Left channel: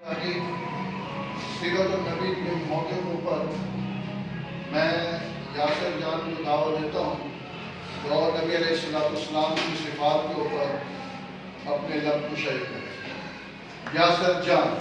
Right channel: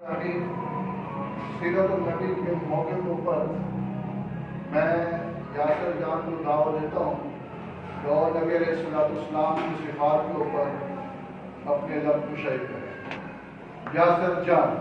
सीरत नबी के मौके पर मैं यासिर जान को दावत देता हूँ और नबी अलैहिस्सलाम की सिफात के ऊपर अपने लब कुशाई करें। यासिर जान।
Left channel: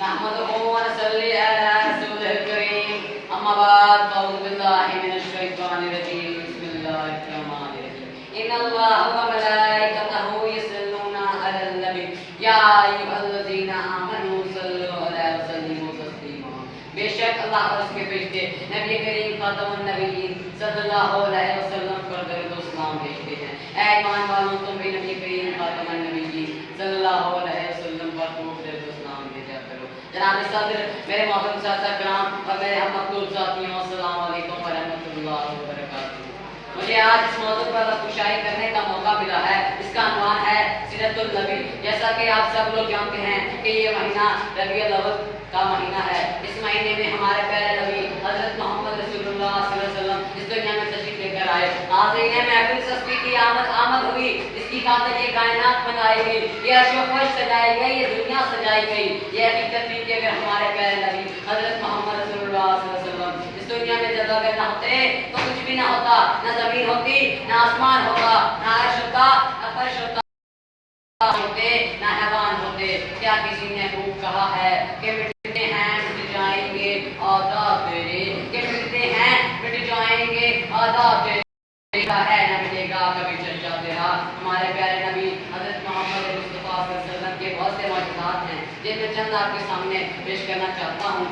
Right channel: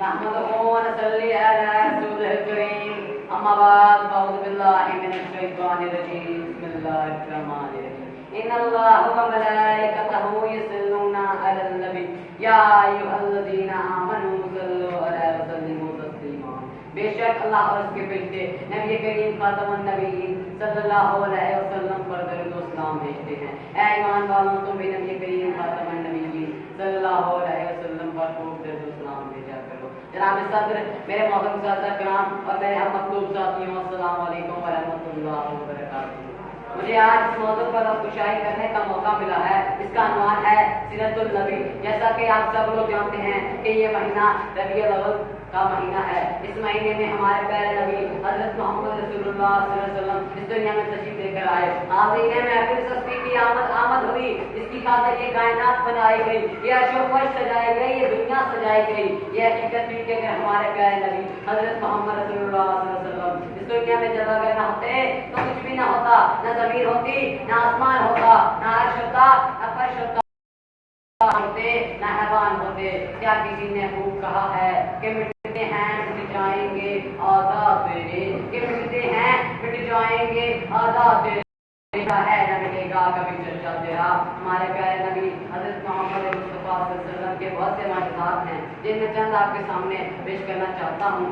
नहमदुहु व नसल्ली अला रसूलिल करीम। अम्मा बाद अऊज़ु बिल्लाहि मिनश शैतानिर रजीम। बिस्मिल्लाहिर रहमानिर रहीम। इन्नल्लाह व मलाइकतहु युसल्लूना अलन नबी या अय्युहल्लज़ीना आमनू सल्लु अलैहि व सल्लिमू तस्लीमा। बेशक अल्लाह और उसके फरिश्ते नबी करीम खातमुन नबीयीन सल्लल्लाहु अलैहि वसल्लम पर दरूद व सलाम भेजते हैं। ऐ ईमान वालों, तुम भी नबी करीम खातमुन नबीयीन सल्लल्लाहु अलैहि वसल्लम पर खूब दरूद व सलाम भेजा करो। जनाब सदर, मेरे मोहतरम साथियों कराम और मेरे हम मखलूक साथियों, अस्सलाम वालेकुम व रहमतुल्लाहि व बरकातहू। मुझे आज इस मौजू पर खुशाई करने का मौका मिला है। इसका अनुमान है सीरतुल नबी। जैसा कि आप सब लोग जानते हैं कि ये महीना रबीउल अव्वल का महीना है। इस महीने में हमारे प्यारे नबी हज़रत मोहम्मद रसूलुल्लाह सल्लल्लाहु अलैहि वसल्लम इस दुनिया में तशरीफ लेकर आए। नाज़रीन महफिल सस्ती की आमद हुई, इसकी खातिर ये कायनात बनाई गई, ये अर्श व फर्श सजाई गई, ये दुनिया सजाई गई। ये हकीकत थी कि अगर हमारे प्यारे नबी हज़रत मोहम्मद रसूलुल्लाह सल्लल्लाहु अलैहि वसल्लम इस दुनिया में जब अगर ना होते तो कुछ भी ना होता, ना ज़मीन होती, ना आसमान होता, ना अर्श होता, ना फर्श होता होते, ना हैवान होते। क्या किसी ने खूब कहा है कि मिटते हैं मिट जाएंगे आदाब तेरे, कि मिटते हैं मिट जाएंगे आदाब तेरे, है न मिटेगा कभी चर्चा तेरा। हमारे प्यारे नबी हज़रत मोहम्मद मुस्तफ़ा सल्लल्लाहु अलैहि वसल्लम के बहुत से मौजूदात हैं जिनमें चंद आपके सामने पेश करना चाहता हूँ।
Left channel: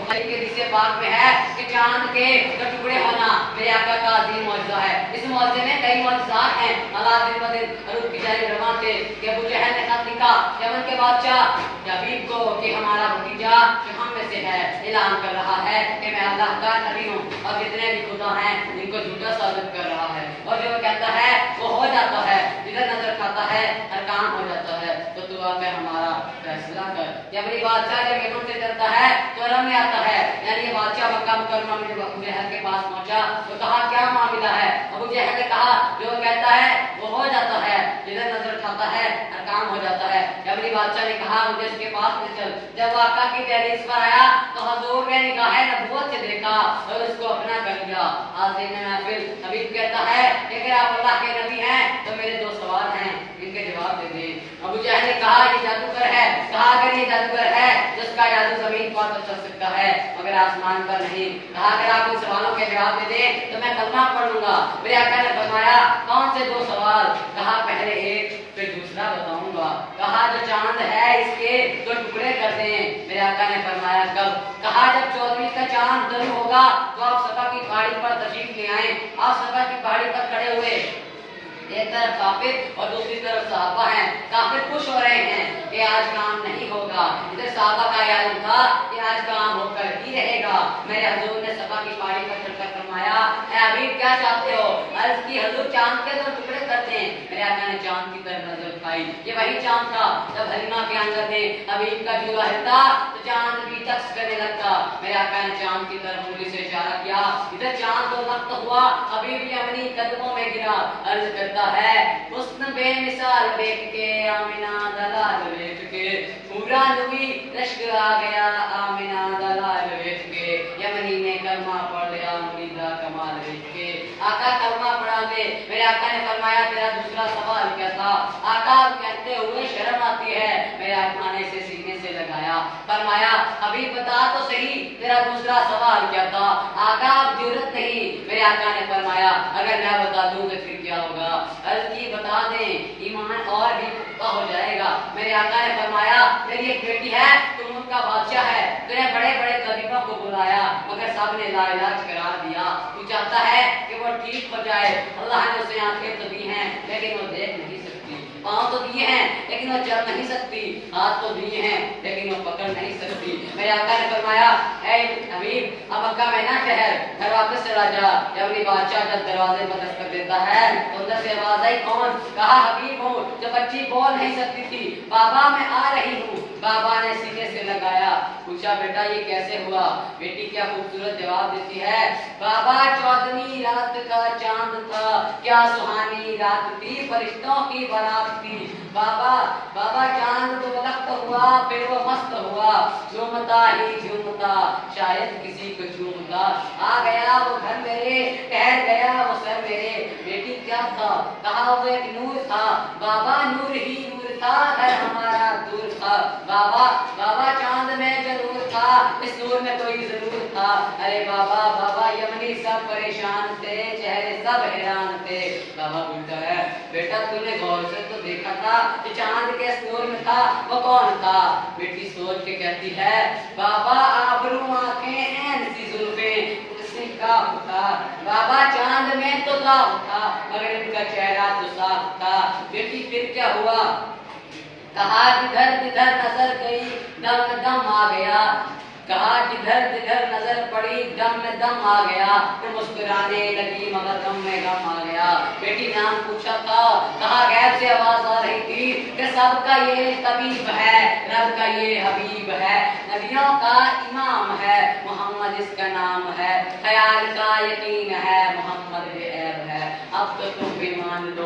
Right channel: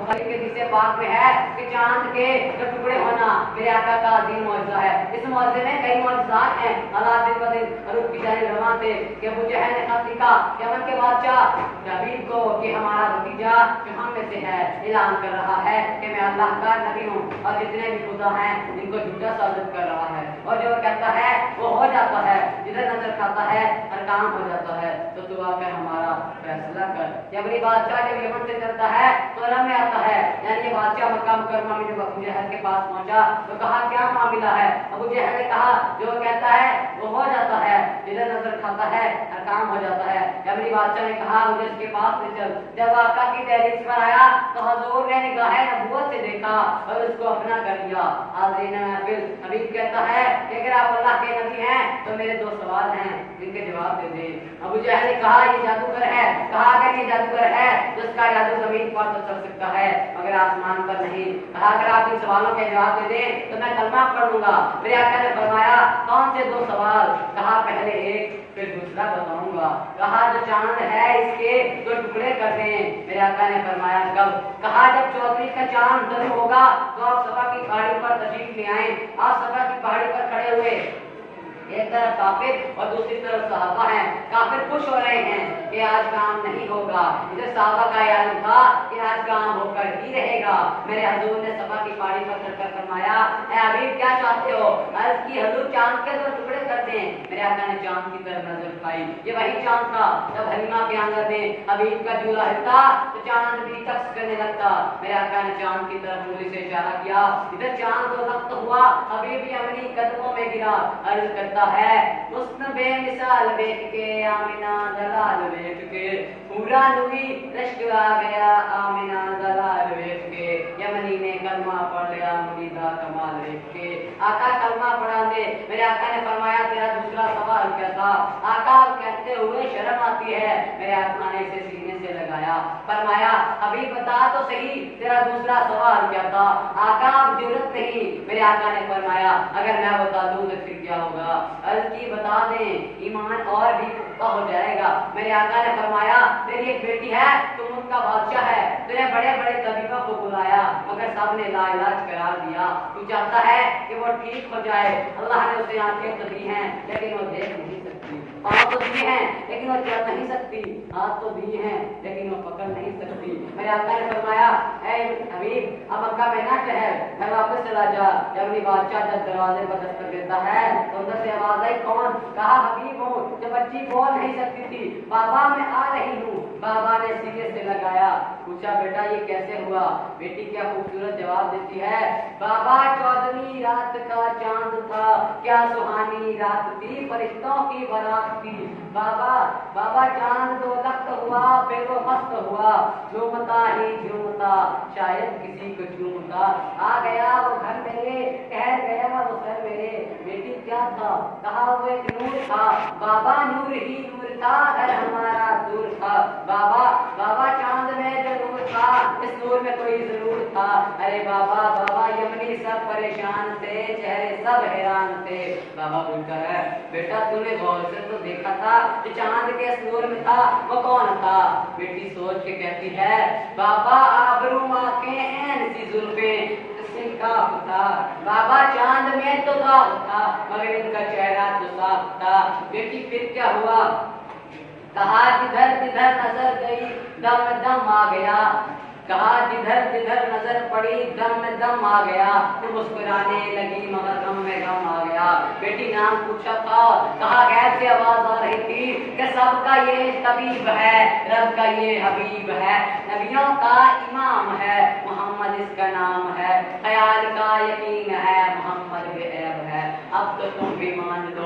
के जिसे पाक में है कि चांद के तो टुकड़े होना मेरे आका का अजीम मौजज़ा है। इस मौजज़े में कई मौजज़ात हैं। अल्लाह दिन ब दिन रूह की जानिब रवां थे कि अबू जहल ने खत लिखा यमन के बादशाह हबीब को कि हमारा भतीजा जो हम में से है ऐलान कर रहा है कि मैं अल्लाह का नबी हूँ और जितने भी खुदा हैं जिनको झूठा साबित कर रहा है, और जो कहता है वो हो जाता है, जिधर नजर खाता है हर काम हो जाता है। तो तू आकर हमारा फैसला कर। यमनी बादशाह जब यमन से चलता है तो रम में आता है, यानी ये बादशाह मक्का मुकर्रमा में जब अबू जहल के पास पहुंचा तो कहा क्या मामला है। अबू जहल ने कहा जो कहता है वो हो जाता है, जिधर नजर खाता है हर काम हो जाता है। यमनी बादशाह ने कहा मुझे इसके पास ले चल। जब आका की दहलीज पर आया तो हुजूर ने निगाह नबूवत से देखा और उसको अपना कर लिया। हाज़रीन महफिल, हबीब कहता है कि अगर आप अल्लाह के नबी हैं तो मेरे दो सवाल हैं, इनके जवाब दे दे। अबू जहल ने कहा ये जादूगर है। कहा अगर ये जादूगर है जिसका जादू जमीन पर तो चल सकता है मगर आसमान पर नहीं। कहा अगर आप इन सवालों के जवाब दे दें तो मैं कलमा पढ़ लूंगा। मेरे आका ने फरमाया कौन से दो सवाल। कहा पहले एक फिर दूसरा बताऊंगा। कहा जो चांद है इसके दो टुकड़े कर दें। मेरे आका ने फरमाया कब। कहा जब 14वीं का चांद ज़रूर होगा तो आप सफा की पहाड़ी पर तशरीफ ले आए। आप सफा की पहाड़ी पर खड़े हुए, एक तरफ काफिर और दूसरी तरफ सहाबा हैं। काफिर खुश हो रहे हैं कि आज काम नहीं होगा, इधर सहाबा का याद था कि आज काम होकर ही रहेगा। मेरे हुजूर ने सफा की पहाड़ी पर चढ़कर फरमाया ऐ हबीब क्या चाहते हो। अर्ज की हुजूर चांद के दो टुकड़े करते हैं। मेरे आका ने चांद की तरफ नजर उठाई। ये वही चांद था जब हलीमा के आंगन में हबीब का झूला हिलता तो चांद भी तक्स करने लगता। मेरे आका ने चांद की तरफ उंगली से इशारा किया। इधर चांद तो नक्त हुआ, हबीब भी अपनी कदमों में गिरा। अर्ज करता है हुस्न बेमिसाल देख के आमिना दलाल देख के पूरा नबी रश्क आ गया आमिना दलाल देख के। यमनी ने कलमा पढ़ लिया मुरीदा कमाल देख के। आका कलमा पढ़ा दे। मेरे आका ने फरमाया तेरा दूसरा सवाल क्या था। आका कहते हुए शर्म आती है। मेरे आका ने इसे सीने से लगाया। फरमाया अभी बता तो सही तेरा दूसरा सवाल क्या था। आका अब जरूरत नहीं। मेरे आका ने फरमाया अगर मैं बता दूं तो फिर क्या होगा। अर्ज की बता दें ईमान और भी पुख्ता हो जाएगा। मेरे आका ने फरमाया मेरी एक बेटी है, तुम उनका बादशाह है, तूने बड़े बड़े तबीबों को बुलाया मगर सब ने लाइलाज करार दिया। तू चाहता है कि वो ठीक हो जाए। अल्लाह ने उसे आंखें तो दी हैं लेकिन वो देख नहीं सकती। पाँव तो दिए हैं लेकिन वो चल नहीं सकती, हाथ तो दिए हैं लेकिन वो पकड़ नहीं सकती। मेरे आका ने फरमाया, ऐ हबीब अब मक्का में ना ठहर, घर वापस चला जा। जब अपनी बादशाह जब दरवाजे पर दस्तक देता है तो अंदर से आवाज आई, कौन? कहा हबीब हूँ। जब बच्ची बोल नहीं सकती थी, बाबा मैं आ रही हूँ। बाबा ने सीने से लगाया, पूछा बेटा ये कैसे हुआ? बेटी क्या खूबसूरत जवाब देती है, बाबा 14वीं रात का चांद था, क्या सुहानी रात थी, फरिश्तों की बारात थी। बाबा बाबा चांद तो बलख्त हुआ, फिर वो मस्त हुआ, झूमता ही झूमता शायद किसी को झूमता। आ गया वो घर मेरे, ठहर गया वो सर मेरे। बेटी क्या था? कहा वो एक नूर था। बाबा नूर ही नूर था, घर हमारा दूर था। बाबा बाबा चांद में जरूर था, इस नूर में कोई जरूर था। अरे बाबा बाबा यमनी सब परेशान थे, चेहरे सब हैरान थे। बाबा बोलता है, बेटा तूने गौर से तो देखा था कि चांद के इस नूर में था, वो कौन था? बेटी सोच के कहती है, बाबा आबरू आंखें ऐन सी जुल्फें था। बाबा चांद में तो दाग था मगर इनका चेहरा तो साफ था। बेटी फिर क्या हुआ? कहा जिधर जिधर नजर गई दम में दम आ गया। कहा जिधर जिधर नजर पड़ी दम में दम आ गया। तो मुस्कुराने लगी मगर गम में गम आ गया। बेटी नाम पूछा था, कहा गैब से आवाज आ रही थी कि सबका ये तबीब है, रब का ये हबीब है, नबियों का इमाम है, मोहम्मद इसका नाम है, ख्याल का यकीन है, मोहम्मद बेऐब है। अब तो तुम भी मान लो